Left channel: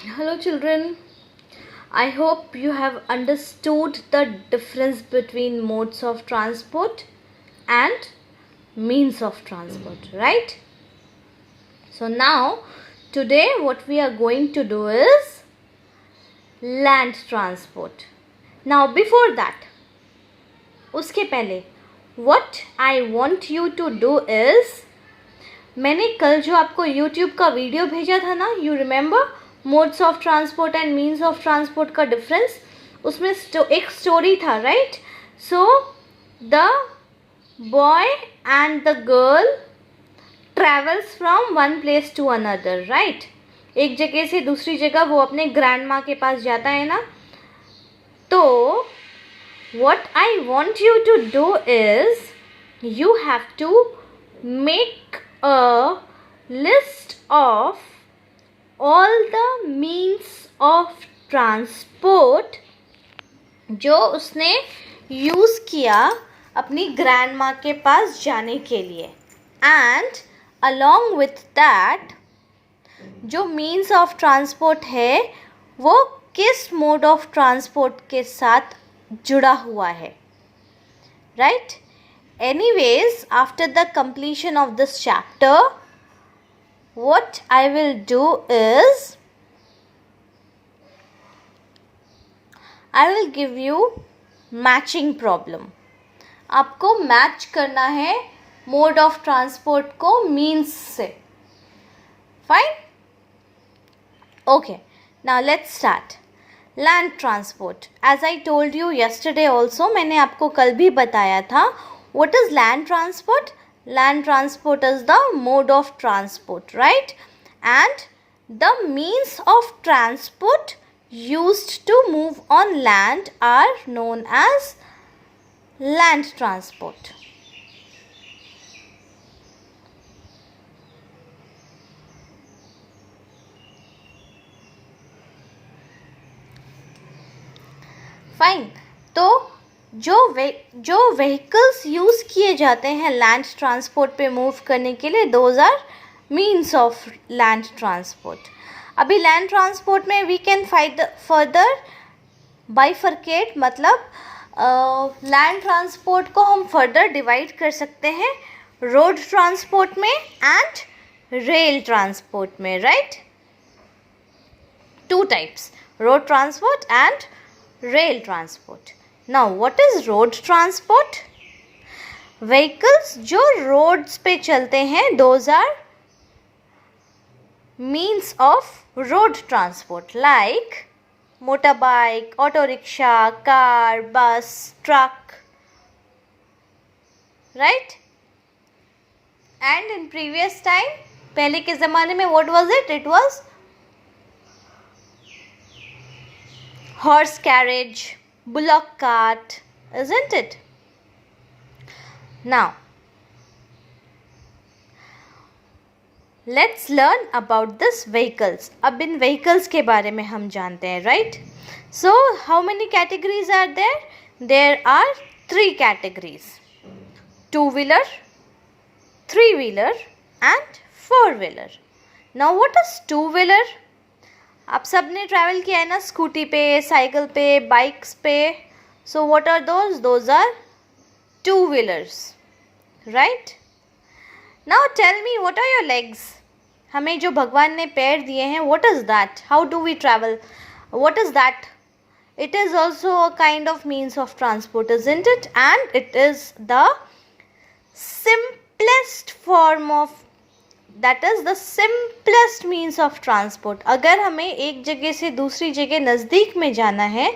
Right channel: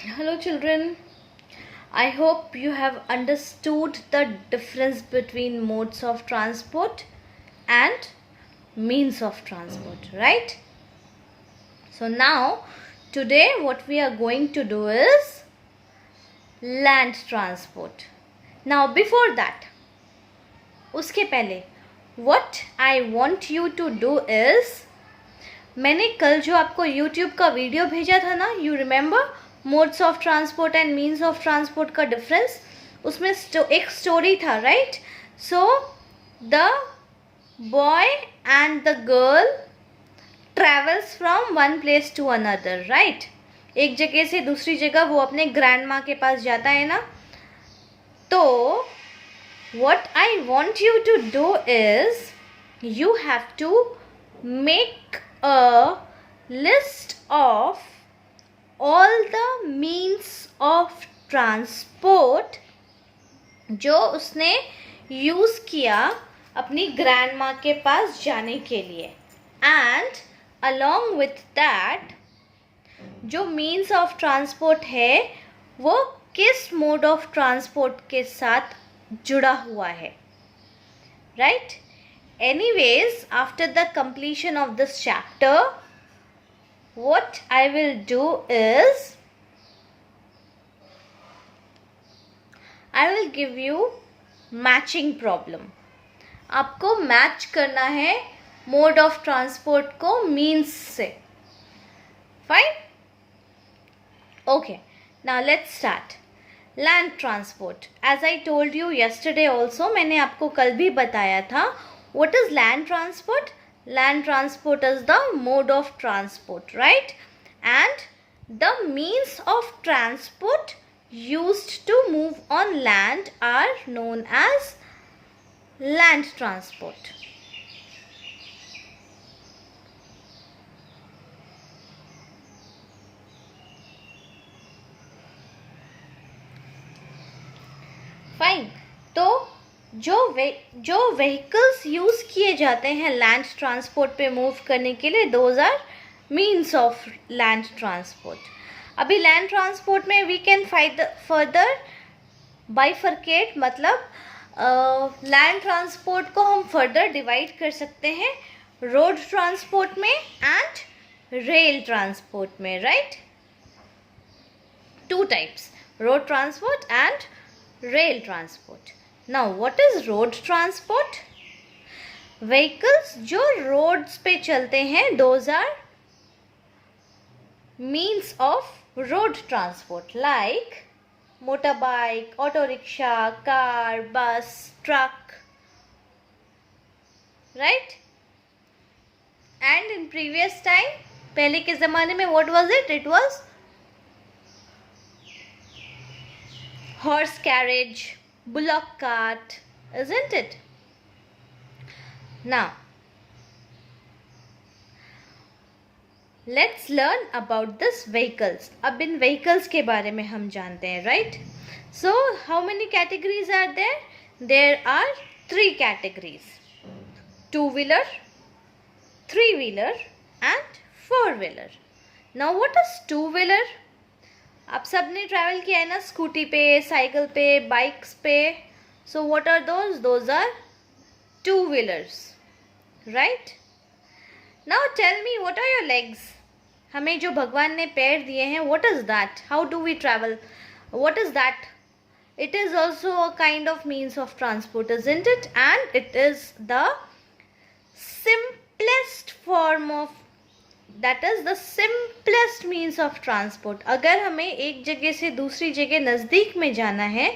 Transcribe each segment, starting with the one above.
Hello, children. I hope you have understood the difference between modes of transport and means of transport, right? So now, today what we are going to do is land transport. Now, before that, उसके पहले what I want you to do is, मैंने कल जो आपको YouTube का video भेजा था ना, you remember? Modes of transport and means of transport का डिफरेंस, उसमें एक स्टोरी था, right? So the boy and the girl travels from one place to another, right? एक जगह से दूसरी जगह वो अपने ग्रैंड माँ के पास जाता है ना. तो what I want you to do is you have to make a list of all the means of transport जो उसने यूज़ किया अपनी ग्रैंड माँ के पास जाने के लिए, एंड along with that जो means of transport है वो किस मोड ऑफ ट्रांसपोर्ट के साथ जुड़ा हुआ है, right? Anyways, after the completion of this chapter, what I will do is I will give you matching problem. आपको मैच करना है मोड ऑफ ट्रांसपोर्ट को मीन्स से. Fine? Okay, now let's start. Land transport, as I told you yesterday also, मैंने आपको कल भी बताया था. What is land transport? Land transport is the mode of transport, right? And the means of transport used to move on land are known as land transport. Fine. तो जो vehicles use किए जाते हैं लैंड ट्रांसपोर्ट पे move करने के लिए, those are means of land transport. अभी लैंड ट्रांसपोर्ट में वी कैन फर्दर बाइफर्केट, मतलब लैंड ट्रांसपोर्ट को हम फर्दर डिवाइड कर सकते हैं रोड ट्रांसपोर्ट में एंड रेल ट्रांसपोर्ट में, right? Two types, road transport and rail transport. Now, what is road transport? Vehicles जो roads पे चलते हैं, those are means of road transport, like motorbike, auto rickshaw, car, bus, truck, right? And in previous time, पहले के ज़माने में what was it? It was horse carriage, bullock cart, isn't it? Now, let's learn about this vehicles. अब इन vehicles के बारे में हम जानते हैं, right? So, how many categories are there? There are 3 categories: 2-wheeler, 3-wheeler and 4-wheeler. Now, what is 2-wheeler? आप सब ने ट्रैवल किया है ना स्कूटी पे, साइकिल पे, बाइक्स पे. So what are those are 2-wheelers, right? Now tell me, what are your legs? हमें जो भगवान ने पैर दिए हैं, what is that? How do we travel? What is that? It is also a kind of means of transport, isn't it? And it is the simplest form of, that is the simplest means of transport. अगर हमें एक जगह से दूसरी जगह नज़दीक में जाना है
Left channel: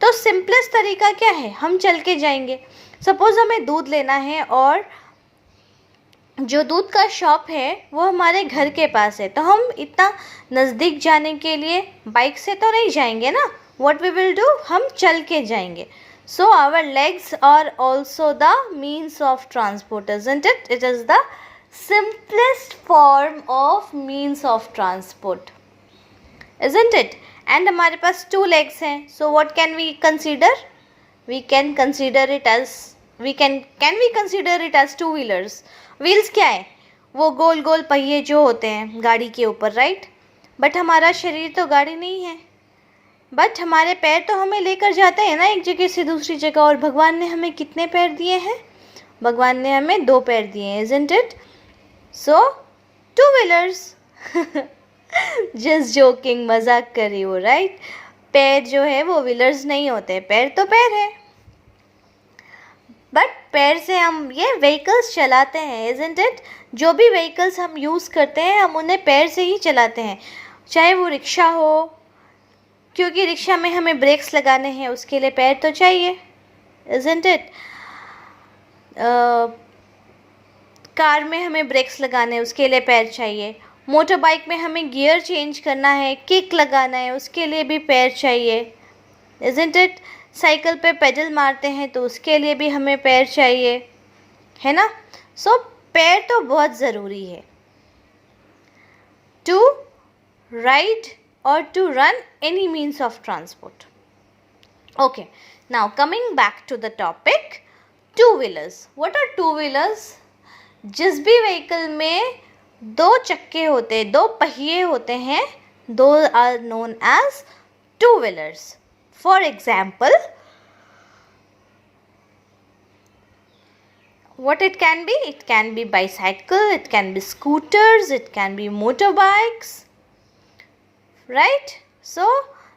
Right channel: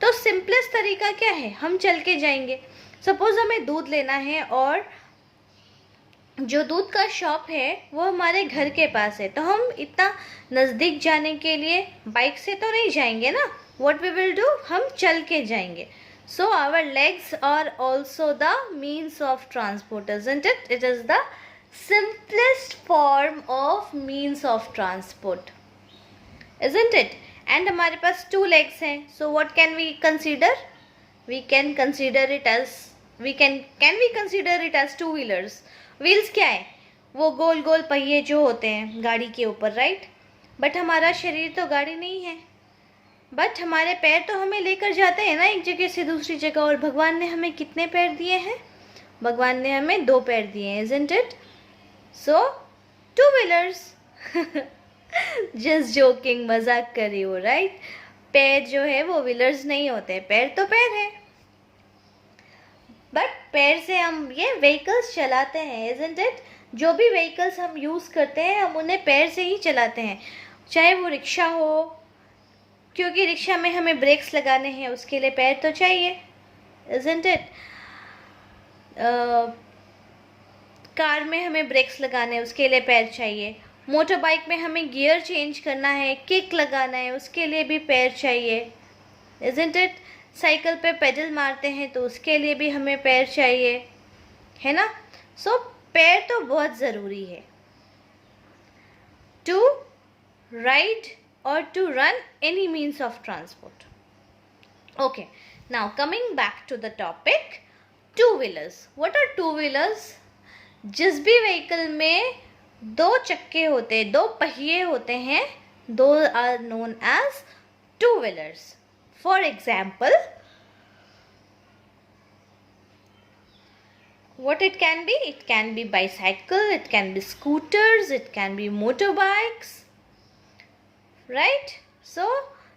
तो सिंपलेस्ट तरीका क्या है? हम चल के जाएंगे. सपोज़ हमें दूध लेना है और जो दूध का शॉप है वो हमारे घर के पास है, तो हम इतना नज़दीक जाने के लिए बाइक से तो नहीं जाएंगे ना. What we will do? हम चल के जाएंगे. So our legs are also the means of transport, isn't it? It is the simplest form of means of transport, isn't it? And हमारे पास 2 legs हैं, so what can we consider? We can consider it as we can we consider it as 2-wheelers? Wheels क्या है? वो गोल गोल पहिए जो होते हैं गाड़ी के ऊपर, राइट? बट हमारा शरीर तो गाड़ी नहीं है, बट हमारे पैर तो हमें लेकर जाते हैं ना एक जगह से दूसरी जगह। और भगवान ने हमें कितने पैर दिए हैं? भगवान ने हमें 2 पैर दिए हैं, isn't it? So, 2 wheelers. Just joking, मजाक कर रही हो, राइट? पैर जो है वो व्हीलर्स नहीं होते, पैर तो पैर है, बट पैर से हम ये व्हीकल्स चलाते हैं, isn't it? जो भी व्हीकल्स हम यूज़ करते हैं हम उन्हें पैर से ही चलाते हैं, चाहे वो रिक्शा हो, क्योंकि रिक्शा में हमें ब्रेक्स लगाने हैं, उसके लिए पैर तो चाहिए, isn't it? कार में हमें ब्रेक्स लगाने हैं, उसके लिए पैर चाहिए। मोटर बाइक में हमें गियर चेंज करना है, किक लगाना है, उसके लिए भी पैर चाहिए, isn't it? साइकिल पे पेडल मारते हैं तो उसके लिए भी हमें पैर चाहिए, है ना? सो पैर तो बहुत ज़रूरी है to ride or to run any means of transport. Okay, now coming back to the topic, two wheelers. What are two wheelers? जिस भी व्हीकल में 2 चक्के होते हैं, 2 पहिए होते हैं, those are known as two wheelers. For example, what it can be? It can be bicycle, it can be scooters, it can be motorbikes. Right? So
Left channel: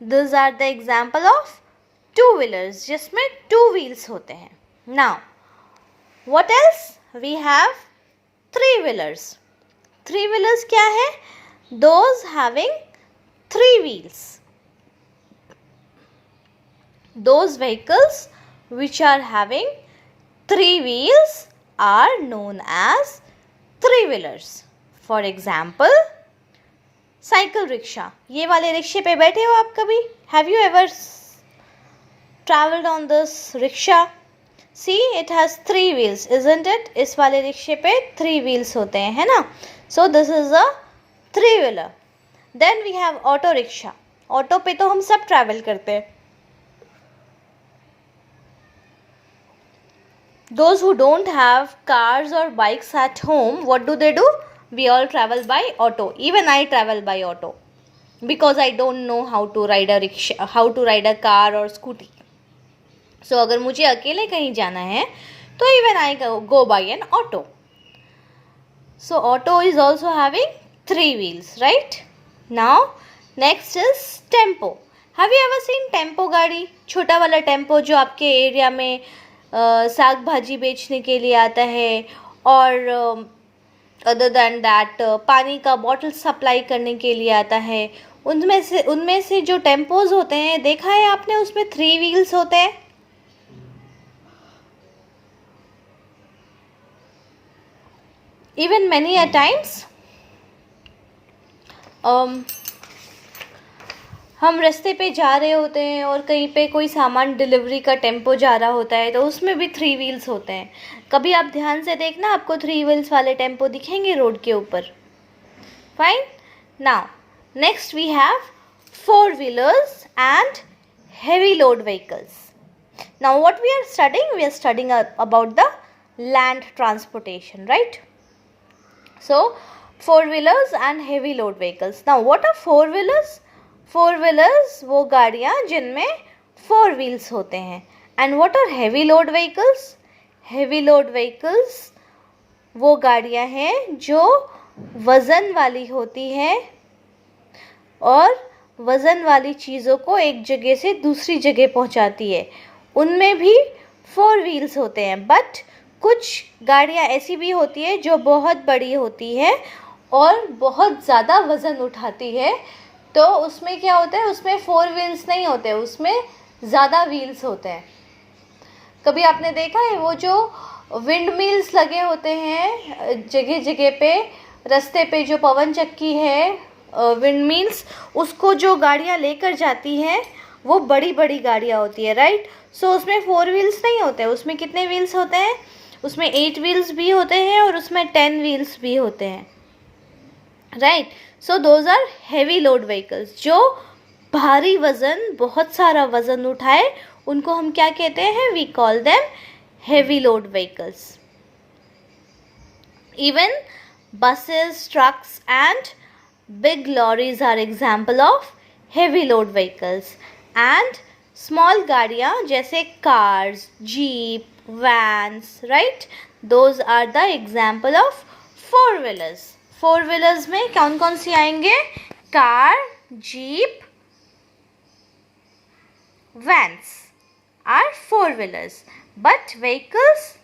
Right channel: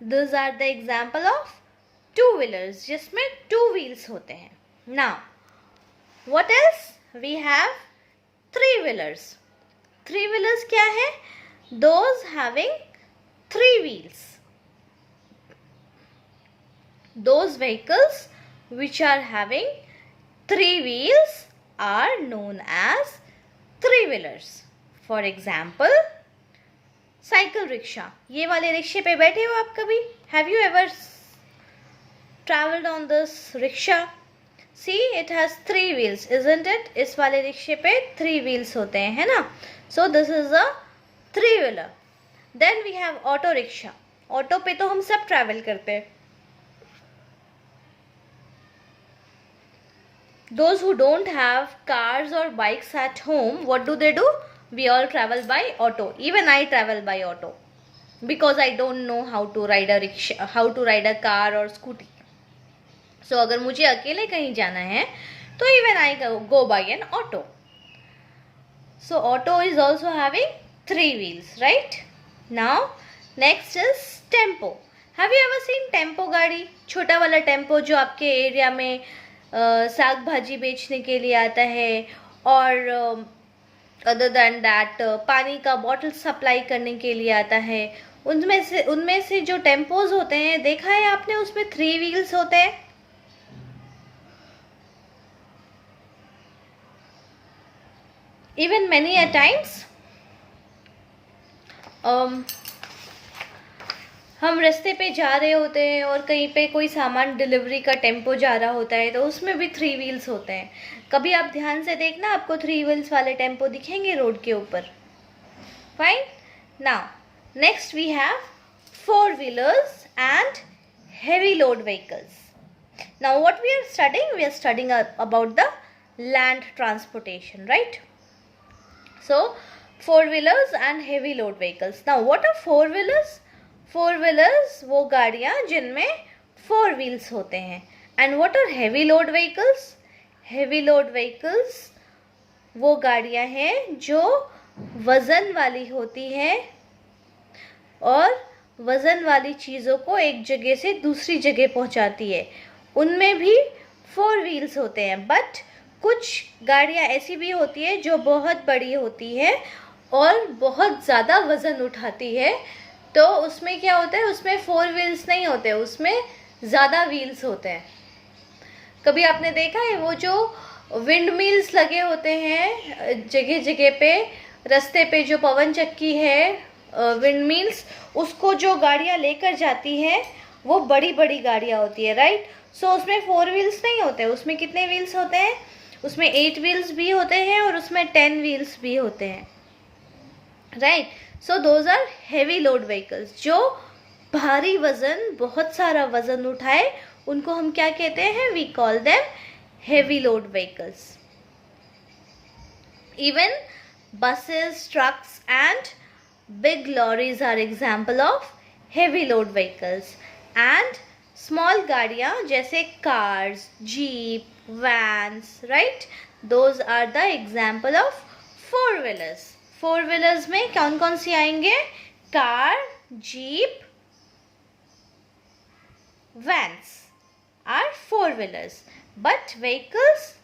these are the example of two wheelers जिसमें 2 wheels होते हैं. Now what else? We have 3 wheelers. 3 wheelers क्या है? Those having 3 wheels. Those vehicles which are having 3 wheels are known as 3 wheelers. For example, cycle rickshaw. ये वाले रिक्शे पे बैठे हो आप कभी? Have you ever travelled on this rickshaw? See it has 3 wheels, isn't it? इस वाले रिक्शे पे 3 व्हील्स होते हैं, है ना? So this is a 3 wheeler. Then we have auto rickshaw. Auto पे तो हम सब ट्रैवल करते हैं. Those who don't have cars or bikes at home, what do? We all travel by auto. Even I travel by auto because I don't know how to ride a rickshaw, how to ride a car or scooty. So अगर मुझे अकेले कहीं जाना है तो even I go by an auto. So auto is also having 3 wheels, right? Now next is tempo. Have you ever seen tempo गाड़ी? छोटा वाला टेम्पो जो आपके एरिया में साग भाजी बेचने के लिए आता है, और अदर दैन दैट पानी का बॉटल सप्लाई करने के लिए आता है. उनमें से जो टेम्पोज होते हैं, देखा है आपने, उसमें 3 व्हील्स होते हैं. इवन मैनी अ टाइम्स हम रास्ते पे जा रहे होते हैं और कहीं पे कोई सामान डिलीवरी का टेम्पो जा रहा होता है तो उसमें भी 3 व्हील्स होते हैं. कभी आप ध्यान से देखना, आपको 3 व्हील्स वाले टेम्पो दिखेंगे रोड के ऊपर. Fine. Now next we have 4 wheelers and heavy load vehicles. Now what we are studying about the land transportation, right? So 4 wheelers and heavy load vehicles. Now what are 4 wheelers? 4 wheelers वो गाड़ियाँ जिनमें 4 wheels होते हैं. And what are heavy load vehicles? Heavy load vehicles वो गाड़ियाँ हैं जो वज़न वाली होती हैं और वज़न वाली चीज़ों को एक जगह से दूसरी जगह पहुँचाती है. उनमें भी 4 व्हील्स होते हैं, बट कुछ गाड़ियाँ ऐसी भी होती है जो बहुत बड़ी होती है और बहुत ज़्यादा वज़न उठाती है. तो उसमें क्या होता है? उसमें 4 व्हील्स नहीं होते, उसमें ज़्यादा व्हील्स होते हैं. कभी आपने देखा है वो जो विंड मिल्स लगे होते हैं जगह जगह पे, रास्ते पे जो पवन चक्की है, विंड मिल्स, उसको जो गाड़ियाँ लेकर जाती हैं वो बड़ी बड़ी गाड़ियाँ होती है, राइट? सो उसमें 4 व्हील्स नहीं होते. उसमें कितने व्हील्स होते हैं? उसमें 8 व्हील्स भी होते हैं और उसमें 10 व्हील्स भी होते हैं, right? So those are heavy load vehicles. जो भारी वज़न, बहुत सारा वज़न उठाए, उनको हम क्या कहते हैं? We call them heavy load vehicles. Even buses, trucks and Big lorries are example of heavy load vehicles and small गाड़ियाँ जैसे cars, jeep, vans, right? Those are the example of four wheelers. Four wheelers में कौन कौन सी आएंगे? car, jeep, vans are four wheelers, but vehicles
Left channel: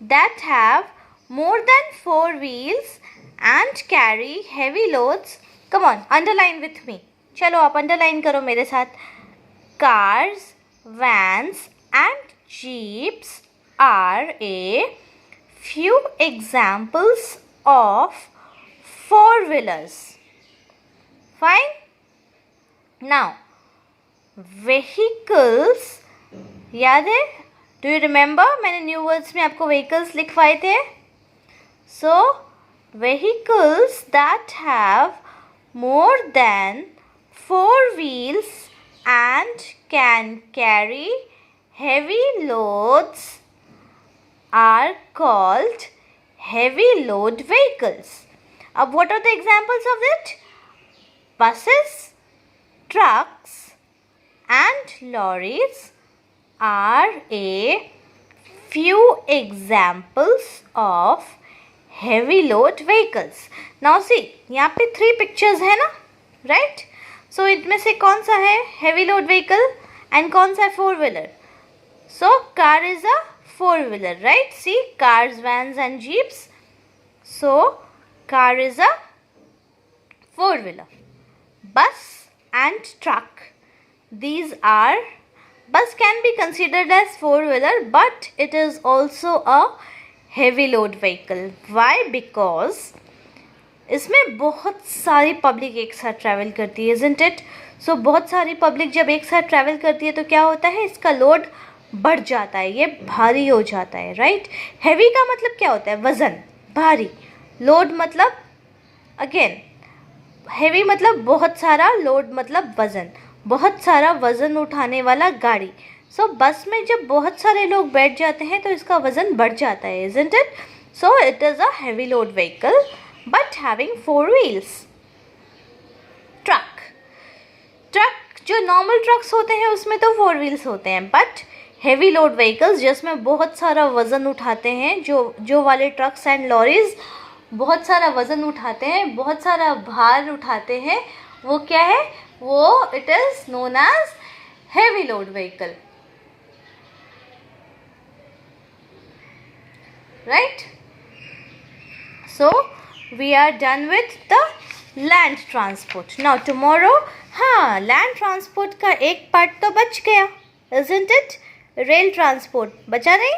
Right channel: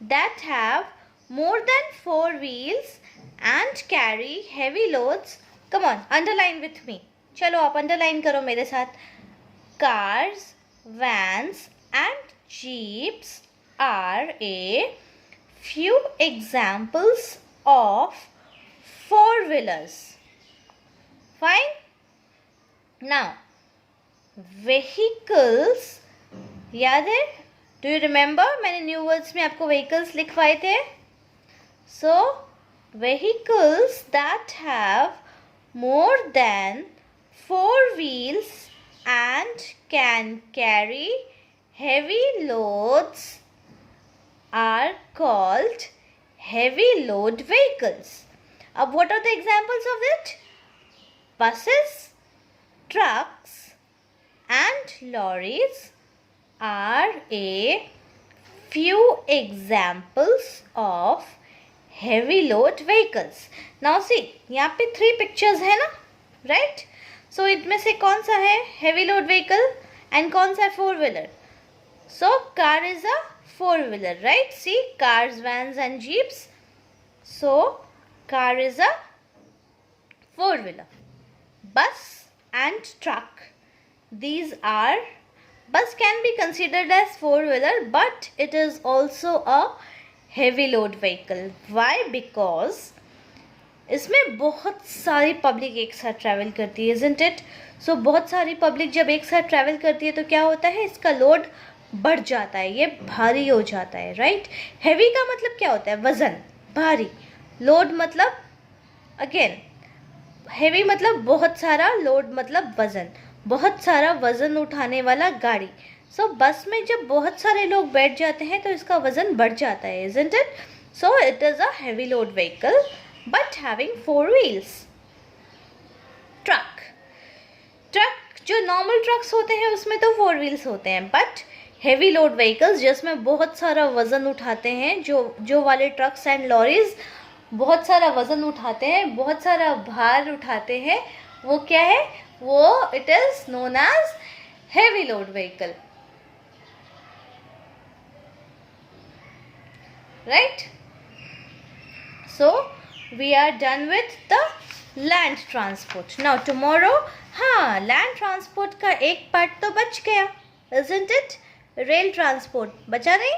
that have more than four wheels and carry heavy loads. Come on, underline with me. चलो आप underline करो मेरे साथ. Cars, vans and jeeps are a few examples of four wheelers. Fine. Now, vehicles याद है? Do you remember? मैंने new words में आपको vehicles लिखवाए थे. So, vehicles that have more than four wheels and can carry heavy loads are called heavy load vehicles. अब what are the examples of it? Buses, trucks and lorries are a few examples of heavy load vehicles. Now see, यहाँ पे 3 pictures है ना, right? So इनमें से कौन सा है heavy load vehicle and कौन सा है four wheeler? So car is a four wheeler, right? See, cars, vans and jeeps. So car is a four wheeler. Bus and truck. These are, bus can be considered as four wheeler, but it is also a heavy load vehicle. Why? Because इसमें बहुत सारी public एक साथ travel करती है, isn't it? So बहुत सारी public जब एक साथ ट्रैवल करती है तो क्या होता है, इसका लोड बढ़ जाता है, ये भारी हो जाता है, राइट? हैवी का मतलब क्या होता है? वजन, भारी. लोड मतलब अगेन हैवी मतलब बहुत सारा, लोड मतलब वजन, बहुत सारा वजन उठाने वाला गाड़ी. सो बस में जब बहुत सारे लोग बैठ जाते हैं तो इसका वजन बढ़ जाता है, isn't it? So it is a heavy load vehicle but having four wheels. Truck, truck जो नॉर्मल ट्रक्स होते हैं उसमें तो फोर व्हील्स होते हैं, बट हेवी लोड व्हीकल्स जिसमें बहुत सारा वजन उठाते हैं, जो वाले ट्रक्स एंड लॉरीज बहुत सारा वजन उठाते हैं, बहुत सारा भार उठाते हैं, वो क्या है? वो it is known as heavy load vehicle, right? So we are done with the land transport. Now tomorrow, हाँ, लैंड ट्रांसपोर्ट का एक पार्ट तो बच गया, isn't it? रेल ट्रांसपोर्ट बचा नहीं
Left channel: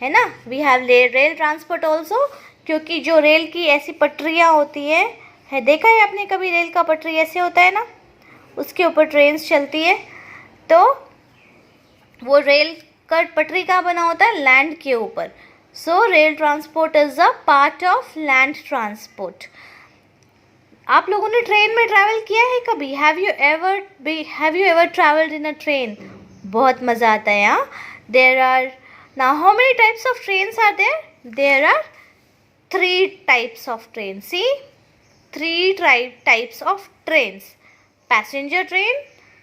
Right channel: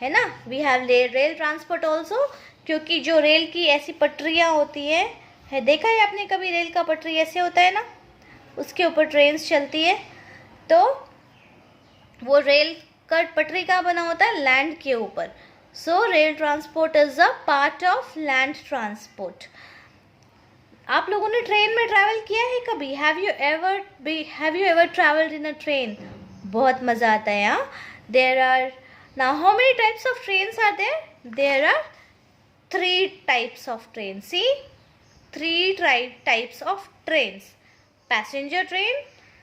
है ना? We have rail transport also, क्योंकि जो रेल की ऐसी पटरियाँ होती है देखा है आपने कभी? रेल का पटरी ऐसे होता है ना, उसके ऊपर ट्रेन्स चलती है, तो वो रेल का पटरी कहाँ बना होता है? लैंड के ऊपर. So rail transport is a part of land transport. आप लोगों ने ट्रेन में ट्रैवल किया है कभी? Have you ever travelled in a train? बहुत मज़ा आता है. यहाँ there are, now how many types of trains are there? There are 3 types of trains. See, 3 types of trains: passenger train,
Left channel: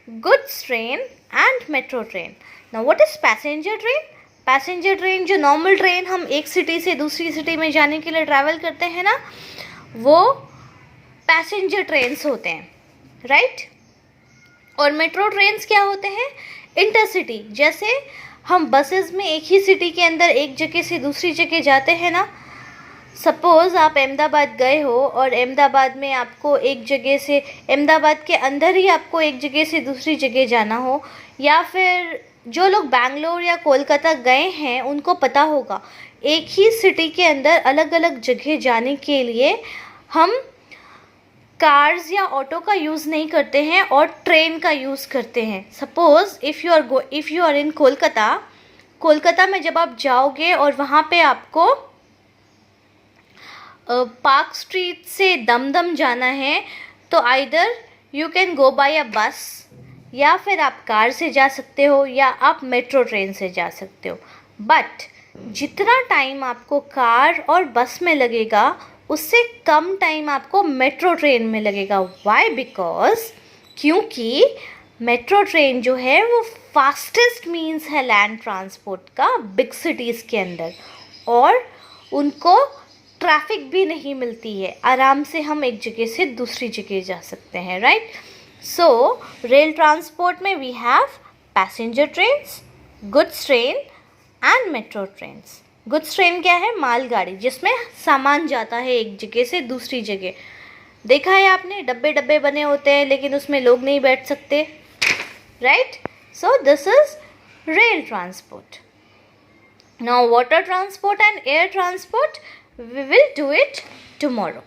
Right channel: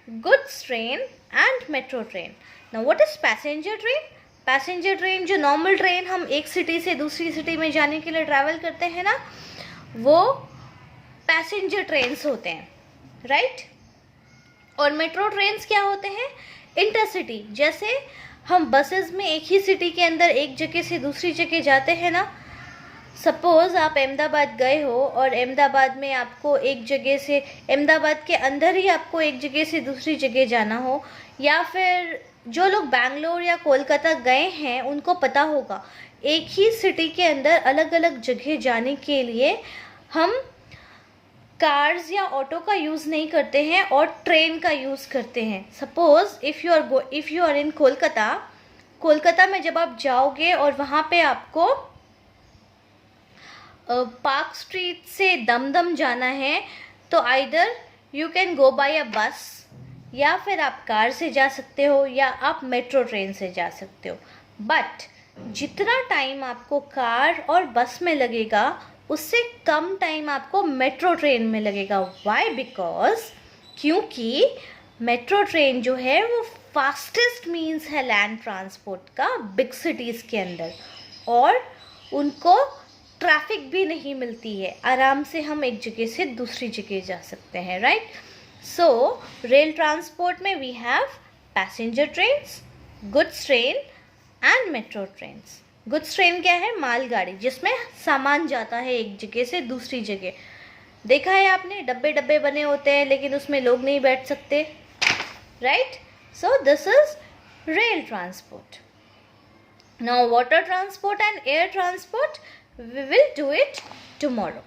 goods train and metro train. Now what is passenger train? Passenger train जो normal train हम एक city से दूसरी city में जाने के लिए travel करते हैं ना, वो पैसेंजर ट्रेन्स होते हैं, राइट? और मेट्रो ट्रेन्स क्या होते हैं? इंटरसिटी. जैसे हम बसेस में एक ही सिटी के अंदर एक जगह से दूसरी जगह जाते हैं ना. सपोज़ आप अहमदाबाद गए हो और अहमदाबाद में आपको एक जगह से, अहमदाबाद के अंदर ही आपको एक जगह से दूसरी जगह जाना हो, या फिर जो लोग बैंगलोर या कोलकाता गए हैं उनको पता होगा, एक ही सिटी के अंदर अलग अलग जगह जाने के लिए हम कार्स या ऑटो का यूज़ नहीं करते हैं और ट्रेन का यूज़ करते हैं. Suppose if you are in Kolkata में जब आप जाओगे और वहाँ पे आपको पार्क स्ट्रीट से दमदम जाना है, तो either you can go by a bus, या फिर आप कार से जा सकते हो, या आप मेट्रो ट्रेन से जा सकते हो. बट जितना टाइम आपको कार और बस में लगेगा उससे कम टाइम आपको मेट्रो ट्रेन में लगेगा. वाई? बिकॉज क्योंकि मेट्रो ट्रेन जो है वो फास्टेस्ट मीन्स है लैंड ट्रांसपोर्ट का बिग सिटीज़ के अंदर, और उनको ट्रैफिक भी नहीं मिलती है. आराम से हम एक जगह से दूसरी जगह जा सकते हैं, राइट. सो रेल ट्रांसपोर्ट में we have passenger trains, goods train and metro trains. Goods train क्या है? मालगाड़ी, जिसमें सामान जाता है एक जगह से दूसरी जगह. देखा है आपने, डब्बे डब्बे बने होते हैं लेकिन उसमें लोग नहीं बैठ सकते, right. So this is rail transport. Now water transport and air transport, we will do it tomorrow.